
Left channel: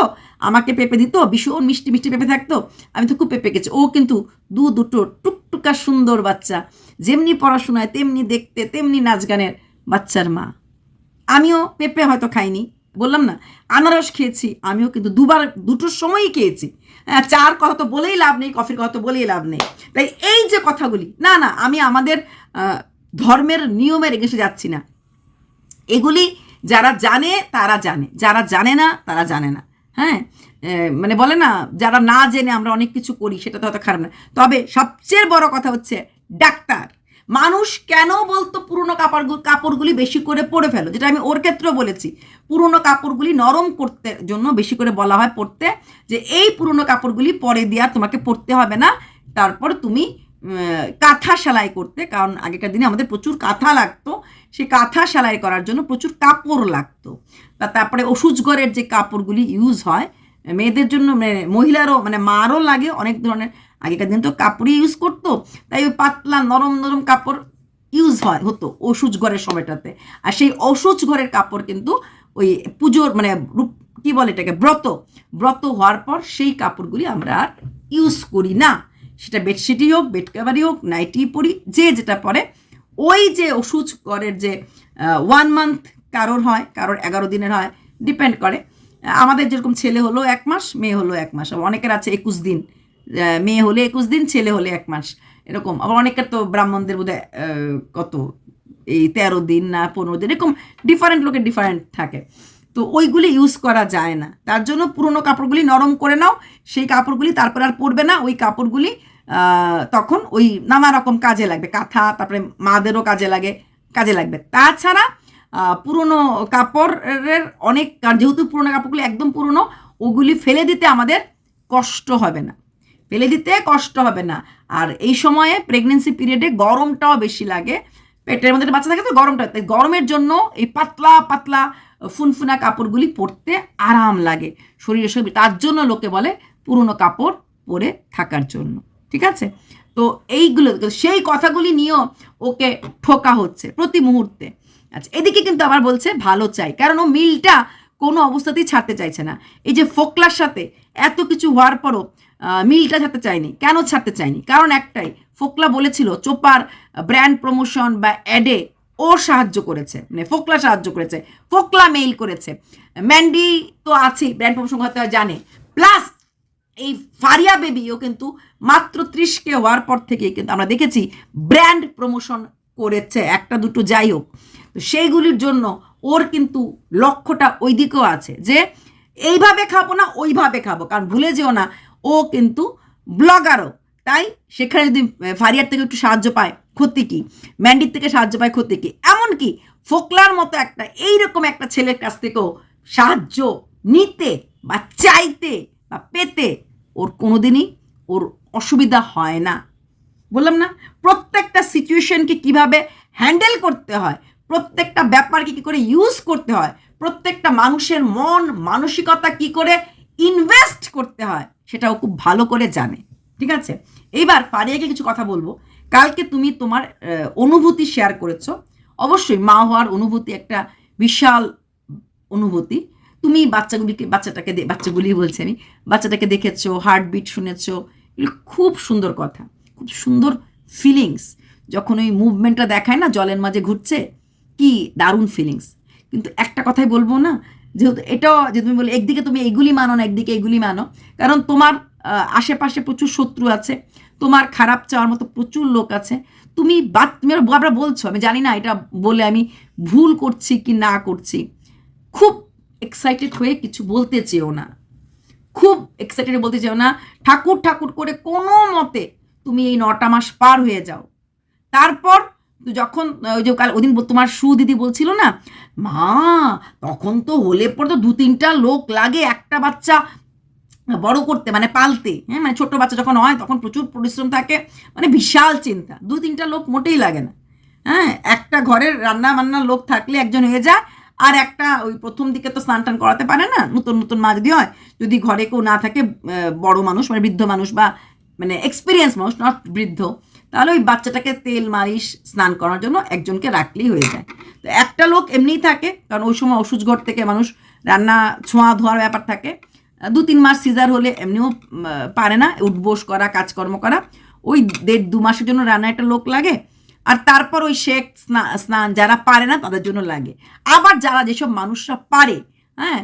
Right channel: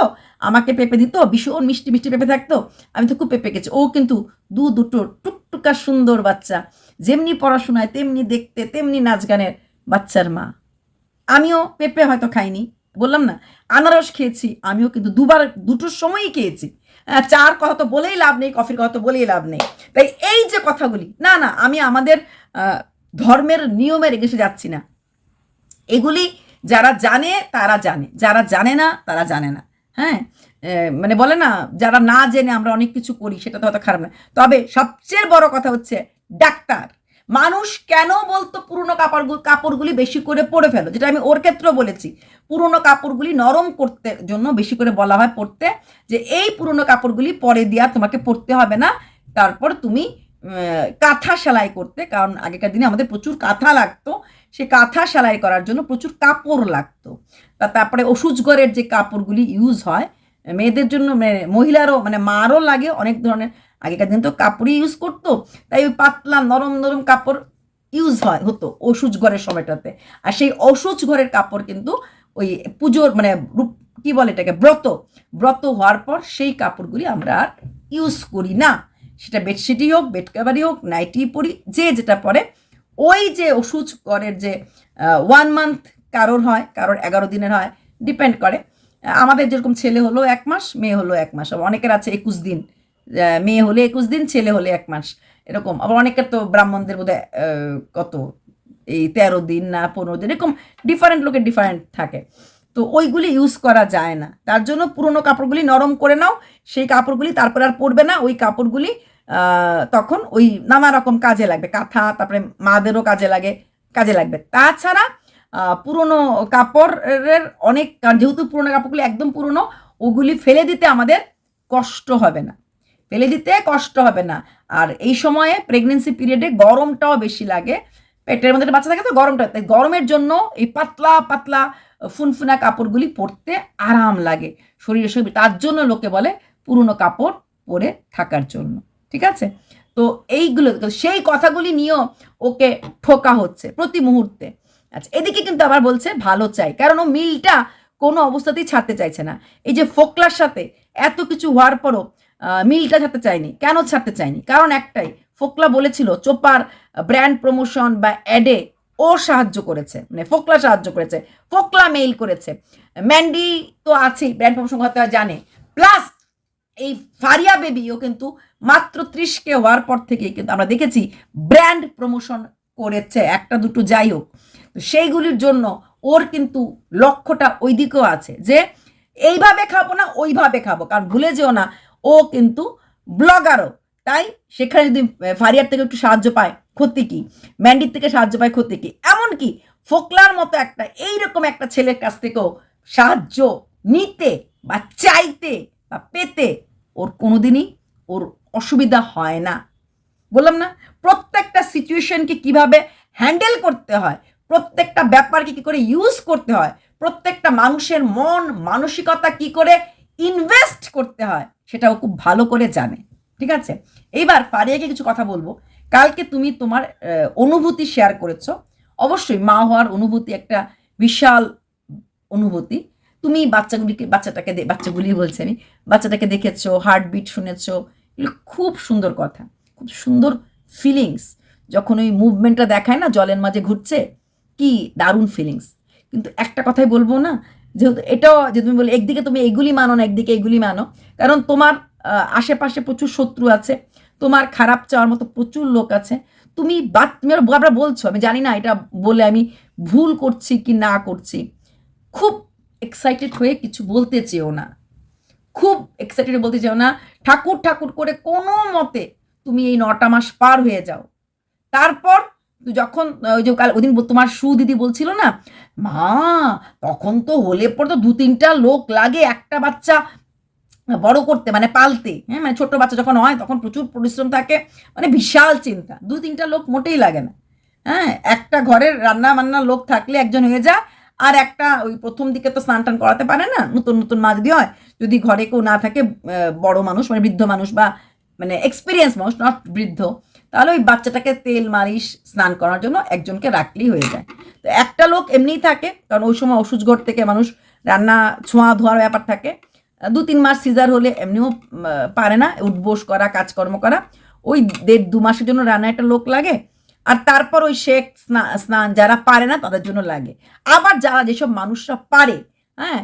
আমাকে পেঁপে দিত, ভীষণ মিষ্টি মিষ্টি পেঁপে থাকতো, আমি তো খুব পেঁপে খেয়েছি। ও কিন্তু দুটো টুকটুকা সুন্দর বাচ্চা, যেমনি পড়াশোনায় তেমনি দেখতে তেমনি নাচ গানের বাচ্চার মা। আমিও পেঁপে হয়তো খাইনি, বললাম না, আনারস খেয়েছি, আমিও কিন্তু দুটোর সময়ই খেয়েছি। চার কথা তো বলেই লাভ নেই, কফির কথা তো বলেই লাভ নেই। তাই এই যে কথাগুলি, না না, আমি আমাদের ধর্মের নিয়মের এগেছে যাচ্ছি না, এগুলি যারা জানে তারা জানে, যারা জানে না তারা জানে না। হ্যাঁ, মানে বলে না, যারা না জেনে আমরা অনেক কিছু করি, সেটা তো হয়তো খারাপ না। তবে সবচেয়ে বড় কথা হচ্ছে ডাক্তার, মানুষ কেন বলতো পুরনো কাপড়গুলি বেশি করে পরে ফেলো, যেটা আমি ওর ক্ষেত্রেও বলেছি, পুরনো কাপড়গুলি নরম করতে জন্য বেশি করে বলা হয় পরতে, যে এই পুরনো কাপড়গুলি পরে দেওয়া তোমাকে পরতে হবে না, তারপর তুমি কাঁথা সেলাই করতে, কারণ আগেকার দিনে আমাদের প্রচুর কাঁথা লাগতো, সে কাঁথা সেলাই করার জন্য প্রচুর কাপড় লাগতো। তারপরে ওষুধঘরের যে কাপড়গুলি ইউজ হয় মেয়েদের জন্য, মহিলারও মানে মারও লাগে অনেক ধরনের, আগেকার দিন তো কাপড়ই ইউজ করতো, তাই ওই পাতলা নরম নরম কাপড় ইউজ হতো ওষুধ ঘরের সময়টাতে। আর সেই ওষুধ ঘরের কাপড় কিন্তু ওই পুজোর মানে কী বলে এটাকে, ব্রত হওয়ার পর সেই কাপড়গুলি আমরা আর ইউজ করি না, সেটা বেডশিটই হোক, বেড কাভারই হোক, নাইটি পরি, যে যেটা পরে। ওই যে ওষুধ ঘরের যে 1 মান্থ কারোর হয়, কারোর 11 দিনের হয়, ডিপেন্ড করে। আমাদের যেরকম ছেলে হলো 1 মাস, মেয়ে হলো 1 মাস, অনেকের আছে 21 দিন, মেয়ে হলে 21 দিন, ছেলে হলে 1 মাস, এরকম। আবার অনেকের তো ব্রাহ্মণদের বোধহয় কত এই 13 দিন না 15 দিন, এরকম ডিফারেন্ট লোকের ডিফারেন্ট থাকে। তো ওইগুলি ইউজ করা যায় না, তার জন্য পুরোনো কাপড়গুলি নরম করে নাও, সেই কাপড়গুলি তারপর আর পরবে না, ওই কাপড়গুলি তখন ওই নানা রকম কাজে লাগবে, কাঁথা, তারপরে মাদেরও কাজে লাগবে। তাছাড়া পুরনো কাপড়ের অনেক, যেহেতু পুরনো কাপড়গুলি একদম পুরনো, ওগুলি ফেলে দিতে আমাদের কষ্ট হবে না, আর এই সময়ে প্রেগনেন্সি পিরিয়ডে গরমটাও বেশি লাগে, পেটের মধ্যে বাচ্চা থাকে তো গরমটা, তাই গরমের জন্য এই পাতলা পাতলা ফুনফুনা কাপড়গুলি পরতে আরাম লাগে শরীরে, তার জন্য লোকে বলে পুরনো কাপড় পরে থাকার জন্য। ঠিক আছে, তো এইগুলো সেই কথাগুলি নিয়েও ওকে ঠোকা হচ্ছে প্রতি মুহূর্তে। আচ্ছা, এদিকে কিন্তু আবার বলছে ভালো চাই, কারণ ও মিলটা কোনো অবস্থাতেই ছাড়তে চাইছে না। এই যে ফোকলার সাথে এত কিছু হওয়ার পরও মিলটা ছাড়তে চায়নি। কেন ছাড়তে চায়নি? কারণ একটাই, ফোকলা বলেছিল চোপার ব্র্যান্ড প্রমোশন বা অ্যাডে ও সাহায্য করেছে, মানে ফোকলা সাহায্য করেছে, ফোকলা মেইল করেছে, ম্যান্ডি তো আছেই ব্র্যান্ড প্রমোশন হতে জানে, প্লাস এই ফারিয়া বেবিও কিন্তু মাত্র 30K হওয়ার পর থেকেই কিন্তু আমরা দেখেছি ব্র্যান্ড প্রমোশন করেছে, একটা দুটো যাই হোক। তো সেইগুলির জন্য ওর কিন্তু লক্ষ্যটা ওই দিকেও আছে, যে এইভাবে খাবো না ওইভাবে খাবো, কারণ ভুলে যেও না ও কিন্তু ব্লগারও, তাই সেখানে যদি ফারিয়ার থেকে একটু সাহায্য পায় ক্ষতি কি, ম্যান্ডির থেকে সাহায্য পায় ক্ষতি কি, এমনকি ফোকলার মতো একটা এইরকম একটা ছেলের কাছ থেকেও সাহায্য নিতে বা চাইতে বা পেতে ওর কোনোদিনই ওর অসুবিধা হয় না। বললাম না, প্রত্যেকটা সিচুয়েশনকে কিভাবে হ্যান্ডেল করতে হয়, প্রত্যেকটা ব্যাপারকে কী করে ইউজ করতে হয়, প্রত্যেকটা মানুষের মন মানসিকতা কি করে ইনভেস্ট করতে হয়, সেটাও খুব ভালো করে জানে। ঠিক আছে, এইবার ফারিয়াকে কিছু কথা বলবো। কালকে তুমি তোমার অনুভূতি শেয়ার করেছো, অবশ্যই মা হওয়ার অনুভূতি একটা বিশাল অনুভূতি। তুমি বাচ্চাগুলি বলছি আমি, বাচ্চাটাকে দেখেছো, হার্টবিট শুনেছো, এগুলো খুব সুন্দর কথা, খুব সুন্দর ফিলিংস। যখন ওই মুভমেন্টটা দেখায় না, জলের মাঝে ঘুরছে, কি দারুণ ফিলিংস। কিন্তু একটা কথাই বলবো না, যেহেতু এটাও যে তুমি বলে একদিকে তুমি এইগুলি মানো না, একদিকে এইগুলি মানো, কারণ তোমার আশেপাশে প্রচুর শত্রু আছে, তোমার খারাপ চাওয়ার মতো প্রচুর লোক আছে। তুমি আমরা বলছো, আমি জানি না এটা বলে আমি ভুল করছি কি না করছি, খুব এক্সাইটেড হয়ে কিছু বলতে চেও না, খুব এক্সাইটেড বলতে চাও না। ঠাকুর ঠাকুর করে কোনো মতে তুমি এই 9টা মাস পার হয়ে যাও। তারপর যখন ওই যে কাল ওদিন তোমার দিদি বলছিল না, মা তখন তো হলে পর তো 2-3টা লোক লাগে একটা বাচ্চা বড় করতে, মানে পালতে। হ্যাঁ, মানে ছোট বাচ্চা যখন হয় তখন প্রচুর পরিশ্রম থাকে, মানে বিশাল চিন্তা। 2-3টা লোক মোটেই লাগে না। হ্যাঁ, একটা ঘরের রান্না বান্নার লোক থাকলে একজন হয়ে যায়। আর একটা ওই প্রথম দিকে তো স্নান টান করাতে পারে না, নতুন নতুন মা যদি হয়, যদি ঘরে কেউ না থাকে বড় মানুষ, মানে বৃদ্ধ মানুষ বা মানে এক্সপিরিয়েন্স মানুষ, নট বৃদ্ধ, তাহলে ওই বাচ্চাটাকে তেল মালিশ স্নান করার জন্য একজনকে রাখলেই হয়ে যায়। তো একটা লোক এমনিই থাকে, কারণ ওই সময় ওষুধ ঘর থেকে মানুষ রান্না ছোঁয়া ধোয়ার ব্যাপার থাকে। 2-3 মাস সিজার হলে এমনিও পারে না উঠবোস করা, কাজকর্ম করা। ওই 1.5-2 মাসের জন্য রান্না একটা লোক লাগে। আর তারপর ওই শেক স্নান যারা পারে না তাদের জন্য লাগে। আবার যারা যেসব মানুষরা পারে, হ্যাঁ,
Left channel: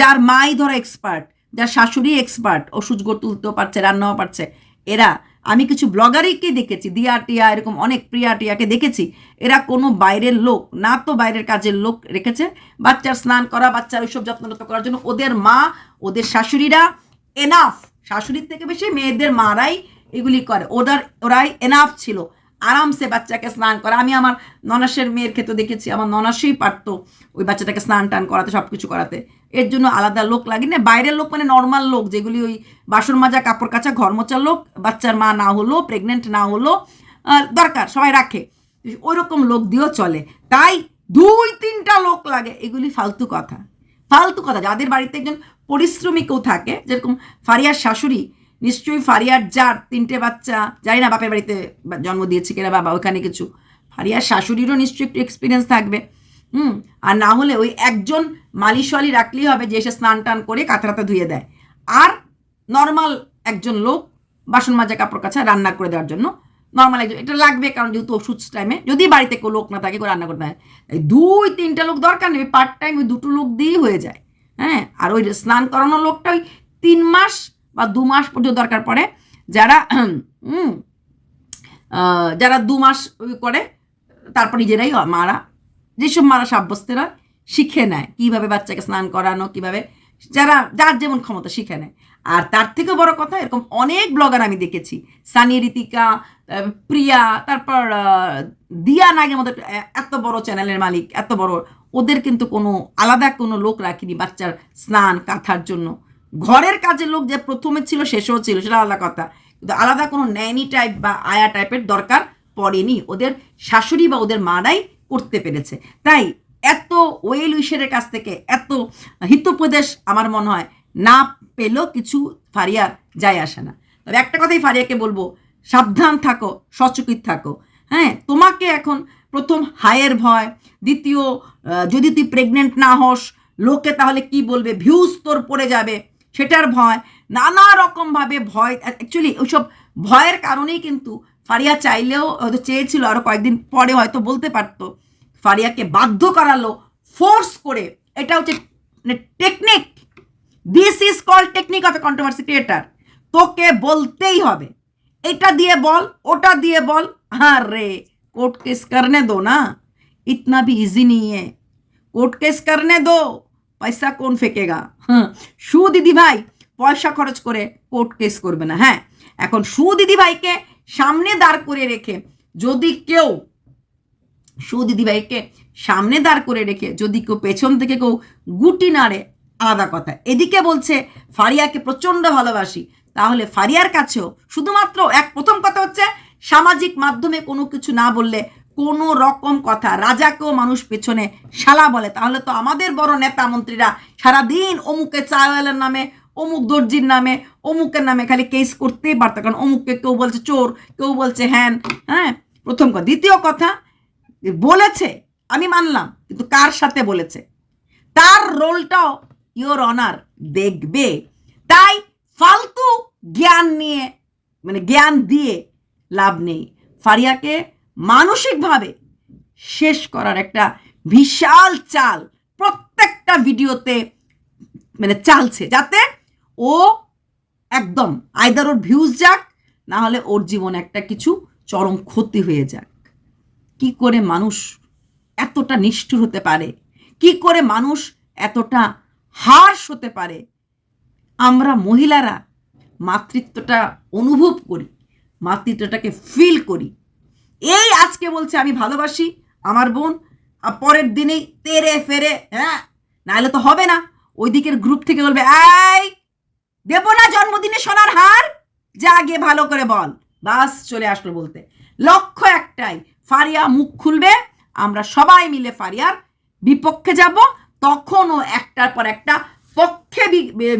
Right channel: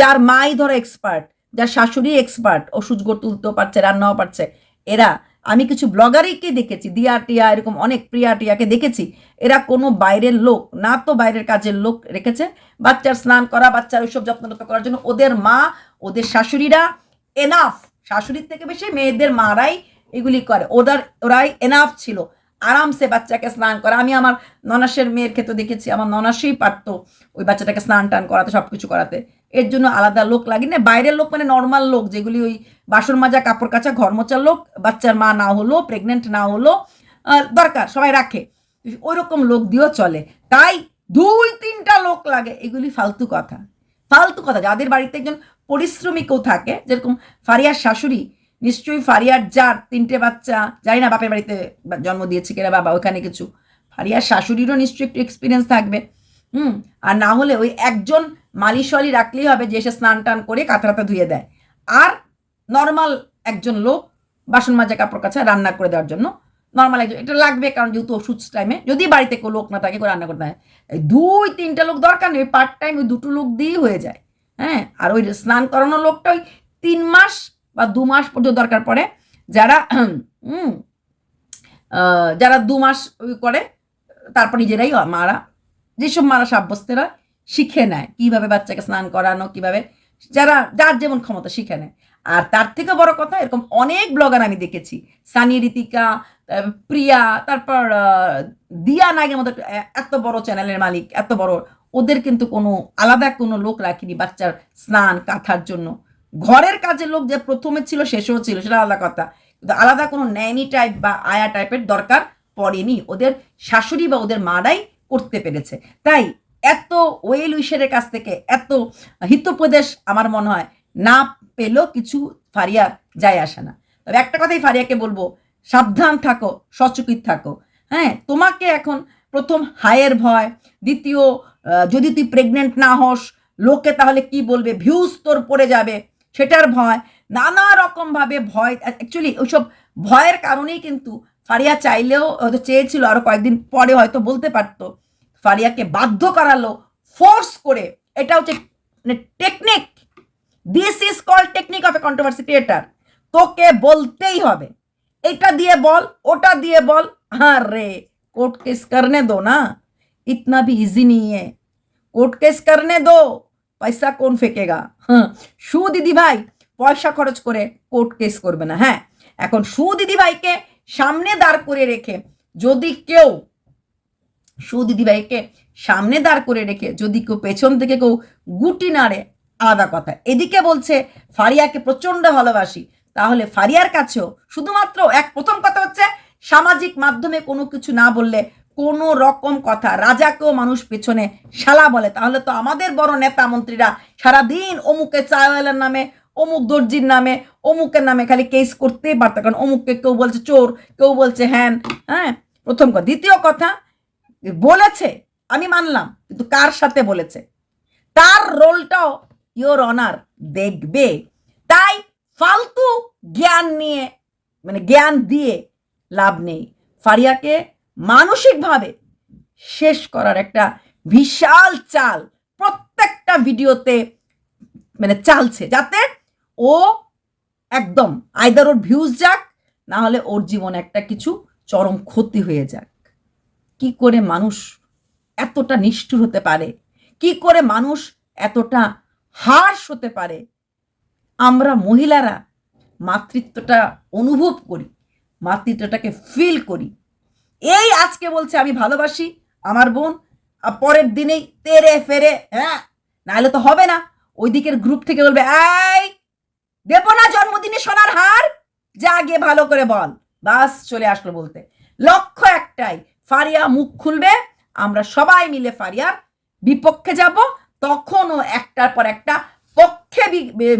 যার মাই ধরো এক্সপার্ট, যার শাশুড়ি এক্সপার্ট, ওষুধ গড় তুলতেও পারছে, রান্নাও পারছে, এরা, আমি কিছু ব্লগারকে দেখেছি, দিয়া টিয়া এরকম অনেক, প্রিয়া টিয়াকে দেখেছি, এরা কোনো বাইরের লোক না, তো বাইরের কাজের লোক রেখেছে বাচ্চার স্নান করা, বাচ্চার ওইসব যত্ন করার জন্য। ওদের মা, ওদের শাশুড়িরা এনাফ, শাশুড়ির থেকে বেশি মেয়েদের মারাই এগুলি করে, ওরাই এনাফ ছিল আরামসে বাচ্চাকে স্নান করা। আমি আমার ননাসের মেয়ের ক্ষেত্রে দেখেছি, আমার ননাসই পারতো ওই বাচ্চাটাকে স্নান টান করাতে, সব কিছু করাতে। এর জন্য আলাদা লোক লাগে না। বাইরের লোক মানে নর্মাল লোক, যেগুলি ওই বাসন মাজা, কাপড় কাচা, ঘর মোচার লোক, বাচ্চার মা না হলো, প্রেগনেন্ট না হলো, দরকার সবাই রাখে, ওই রকম লোক দিয়েও চলে। তাই 2-3টা লোক লাগে, এগুলি ফালতু কথা, ফালতু কথা। যাদের বাড়িতে একজন পরিশ্রমী কেউ থাকে, যেরকম ফারিয়ার শাশুড়ি, নিশ্চয়ই ফারিয়ার যার 3টে বাচ্চা, জানি না বাপের বাড়িতে জন্ম দিয়েছে কিনা বাবা ওখানে কিছু, ফারিয়ার শাশুড়িরও নিশ্চয়ই একটু এক্সপিরিয়েন্স থাকবে। আর না হলে ওই একজন মালিশওয়ালি রাখলেই হবে, যে এসে স্নান টান করে কাঁথা ধুয়ে দেয়। আর নর্মাল একজন লোক বাসন মাজা, কাপড় কাচা, রান্না করে দেওয়ার জন্য নর্মাল একজন এটা লাগবে, কারণ যেহেতু ওষুধ টাইমে যদি বাড়িতে কোনো লোক না থাকে রান্না করতে হয়, 2-3টা লোক দরকার নেই, পার্ট টাইম ওই 2টো লোক দিয়েই হয়ে যায়। হ্যাঁ, আর ওই স্নান করানোর লোকটা ওই 3 মাস বা 2 মাস পর্যন্ত দরকার পড়ে। যারা যারা 2 মাস করে তারপর নিজেরাই মারা, যেসব মারা সাব্যস্তেরা শিখে নেয় কীভাবে বাচ্চাকে স্নান করানো, কীভাবে যার যেমন ক্ষমতা শিখে নেয়। আর তার থেকে বড় কথা, এরকম অনেক ব্লগার আমি দেখেছি, সানি, ঋতিকা, প্রিয়া, তারপর দিয়া নাগের মতো এত বড় চ্যানেলের মালিক, এত বড়, ওদের কিন্তু কোনো আলাদা কোনো লোক রাখিনি বাচ্চার স্নান কাঁথার জন্য। ঘরের কাজের লোক যে প্রথমে ছিল শেষেও ছিল, সেটা আলাদা কথা, কিন্তু আলাদা কোনো ন্যানি টাইপ বা আয়া টাইপের দরকার পড়েনি, ওদের শাশুড়ি বা ওদের মারাই করতে পেরেছে। তাই এত ওয়েল উইশারের কাছ থেকে এত হিতোপদেশ আমার মনে হয় না পেলেও কিছু ফারিয়ার যায় আসে না। তবে একটা কথাই ফারিয়াকে বলবো, সাবধান থাকো, সচকিত থাকো। হ্যাঁ, তোমাকে এখন প্রথম হায়ের ভয়, দ্বিতীয় যদি তুই প্রেগনেন্ট না হস লোকে তাহলে কি বলবে, ভিউজ তোর পড়ে যাবে সেটার ভয়, নানা রকমভাবে ভয়। অ্যাকচুয়ালি ওইসব ভয়ের কারণেই কিন্তু ফারিয়া চাইলেও হয়তো চেয়েছিল আরও কয়েকদিন পরে হয়তো বলতে পারতো, ফারিয়াকে বাধ্য করালো ফোর্স করে। এটা হচ্ছে technique, this is called technique of a controversy creator. তোকে বলতেই হবে, এটা দিয়ে বল, ওটা দিয়ে বল। हाँ रे, कोर्ट केस करने दो ना, इतना भी इजी नहीं है, कोर्ट केस करने दो, পয়সা কোন ফেকেগা। সু দিদি ভাই পয়সা খরচ করে কোর্ট কেস করবে না। হ্যাঁ, এখন সু দিদি ভাইকে সামনে দাঁড় করে রেখে যদি কেউ, সু দিদি ভাইকে সামনে দাঁড় করে রেখে যদি কেউ পেছন থেকে কেউ গুটি নাড়ে, আলাদা কথা। এদিকে বলছে ফারিয়াকে প্রচণ্ড ভালোবাসি, তাহলে ফারিয়ার কাছেও শুধুমাত্র প্রথম কথা হচ্ছে সামাজিক মাধ্যমে কোনো কিছু না বললে, কোনো রকম কথা, রাজাকেও মানুষ পেছনে শালা বলে, তাহলে তো আমাদের বড় নেতা মন্ত্রীরা সারাদিন অমুকে চাওয়ালের নামে, অমুক দর্জির নামে, অমুকের নামে খালি কেস করতেই পারতো, কারণ অমুককে কেউ বলছে চোর, কেউ বলছে হ্যান। হ্যাঁ, প্রথম কথা। দ্বিতীয় কথা, বলেছে আমি মানলাম, কিন্তু কার সাথে বলেছে তার রোলটাও ইওর অনার দেখবে। তাই ফালতু জ্ঞান নিয়ে, মানে জ্ঞান দিয়ে লাভ নেই। ফারিয়াকে মানসিকভাবে শেষ করার একটা বিশাল চাল প্রত্যেকটা ভিডিওতে মানে চালছে, যাতে ও একদম আইদার ওর ভিউজ যাক, না হলে ওর জীবনে একটা কিছু চরম ক্ষতি হয়ে যাক। কি করে মানুষ এতটা নিষ্ঠুর হতে পারে? কি করে মানুষ এতটা হার্শ হতে পারে? আমরা মহিলারা মাতৃত্বটা অনুভব করি, মাতৃত্বটাকে ফিল করি। এই আজকে বলছে আমি ভালোবাসি আমার বোন, আর পরের দিনেই তেরে ফেরে, হ্যাঁ, নাহলে তো হবে না। ওই দিকের গ্রুপ থেকে বলবে, এই দেবো না জন্মদিনে সোনার হার, যা গিয়ে ভালো করে বল। বাস চলে আসলো বলতে। লক্ষ্য একটাই, ফারিয়া মুখ খুলবে, আমরা সবাই মিলে ফারিয়ার বিপক্ষে যাব, তখনও একটার পর একটা পক্ষে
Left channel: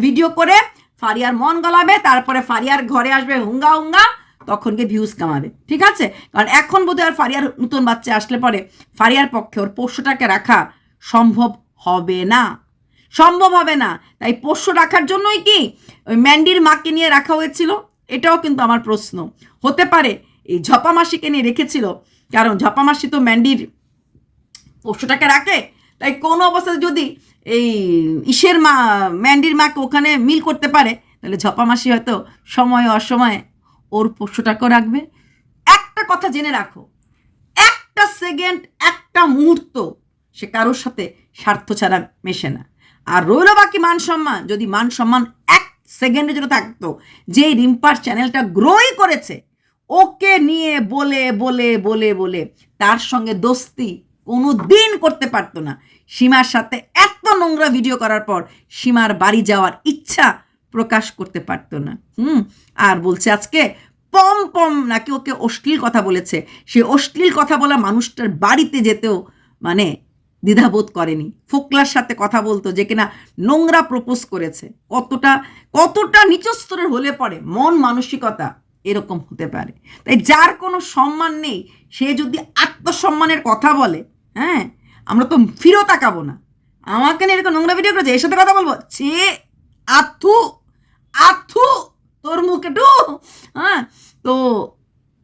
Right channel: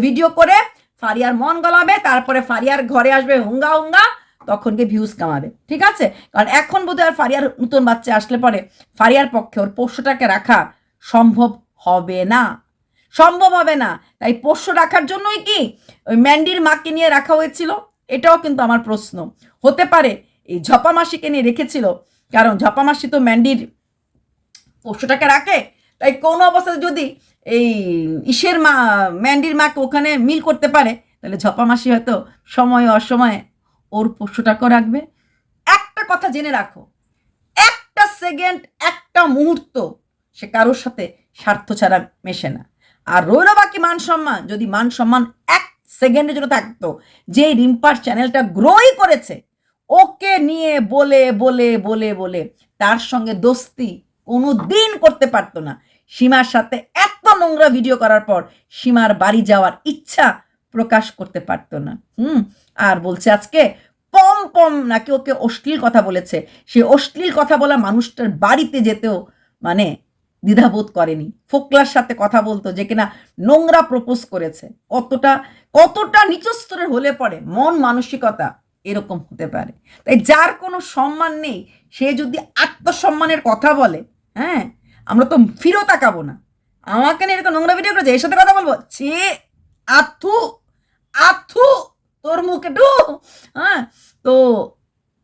ভিডিও করে ফারিয়ার মন গলাবে, তারপরে ফারিয়ার ঘরে আসবে হুঙ্গা হুঙ্গা, তখন গিয়ে ভিউজ কামাবে। ঠিক আছে? কারণ এখন বোধহয় আর ফারিয়ার নতুন বাচ্চা আসলে পরে ফারিয়ার পক্ষে ওর পোষ্যটাকে রাখা সম্ভব হবে না, সম্ভব হবে না। তাই পোষ্য রাখার জন্যই কি ওই ম্যান্ডির মাকে নিয়ে রাখা হয়েছিল? এটাও কিন্তু আমার প্রশ্ন। হতে পারে এই ঝপা মাসিকে নিয়ে রেখেছিল, কারণ ঝপা মাসি তো ম্যান্ডির পোষ্যটাকে রাখে, তাই কোনো অবস্থাতে যদি এই ইসের মা ম্যান্ডির মাকে ওখানে মিল করতে পারে, তাহলে ঝপা মাসি হয়তো সময় অসময়ে ওর পোষ্যটাকেও রাখবে। একটা কথা জেনে রাখো, একটা সেকেন্ড, একটা মুহূর্ত সে কারোর সাথে স্বার্থ ছাড়া মেশে না। আর রইল বাকি মান সম্মান, যদি মান সম্মান এক সেকেন্ডের জন্য থাকতো, যে রিম্পার চ্যানেলটা গ্রোই করেছে, ওকে নিয়ে বলে বলে বলে বলে তার সঙ্গে দোস্তি কোনো দিন করতে পারতো না। সীমার সাথে এত নোংরা ভিডিও করার পর সীমার বাড়ি যাওয়ার ইচ্ছা প্রকাশ করতে পারতো না। আর বলছে আজকে পম পম নাকি ওকে অশ্লীল কথা বলেছে, সে অশ্লীল কথা বলা মানুষটার বাড়িতে যেতেও মানে দ্বিধাবোধ করেনি। ফোকলার সাথে কথা বলতো, যে কিনা নোংরা প্রপোজ করেছে। কতটা কতটা নিচু স্তরের হলে পরে মন মানসিকতা এরকম হতে পারে। তাই যার কোনো সম্মান নেই, সে যদি আত্মসম্মানের কথা বলে, হ্যাঁ, আমরা তো ফিরেও তাকাবো না। আমাকে নিয়ে এরকম নোংরা ভিডিও করেছে, এর সাথে কথা বলবো, ছি, আথু আথু তোর মুখে ডু। হ্যাঁ, তো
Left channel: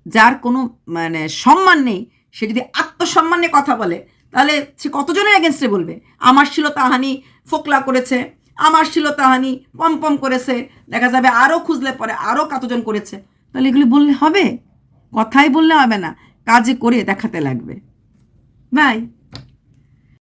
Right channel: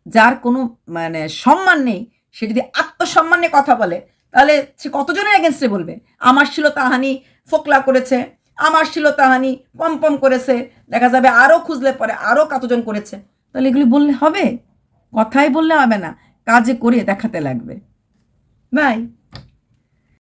যার কোনো মানে সম্মান নেই, সে যদি আত্মসম্মান নিয়ে কথা বলে, তাহলে সে কতজনের এগেনস্টে বলবে? আমার শ্লীলতাহানি ফোকলা করেছে, আমার শ্লীলতাহানি পম করেছে, দেখা যাবে আরও খুঁজলে পরে আরও কতজন করেছে। তাহলে এগুলি বললে হবে? কথাই বললে হবে না, কাজে করে দেখাতে লাগবে। বাই।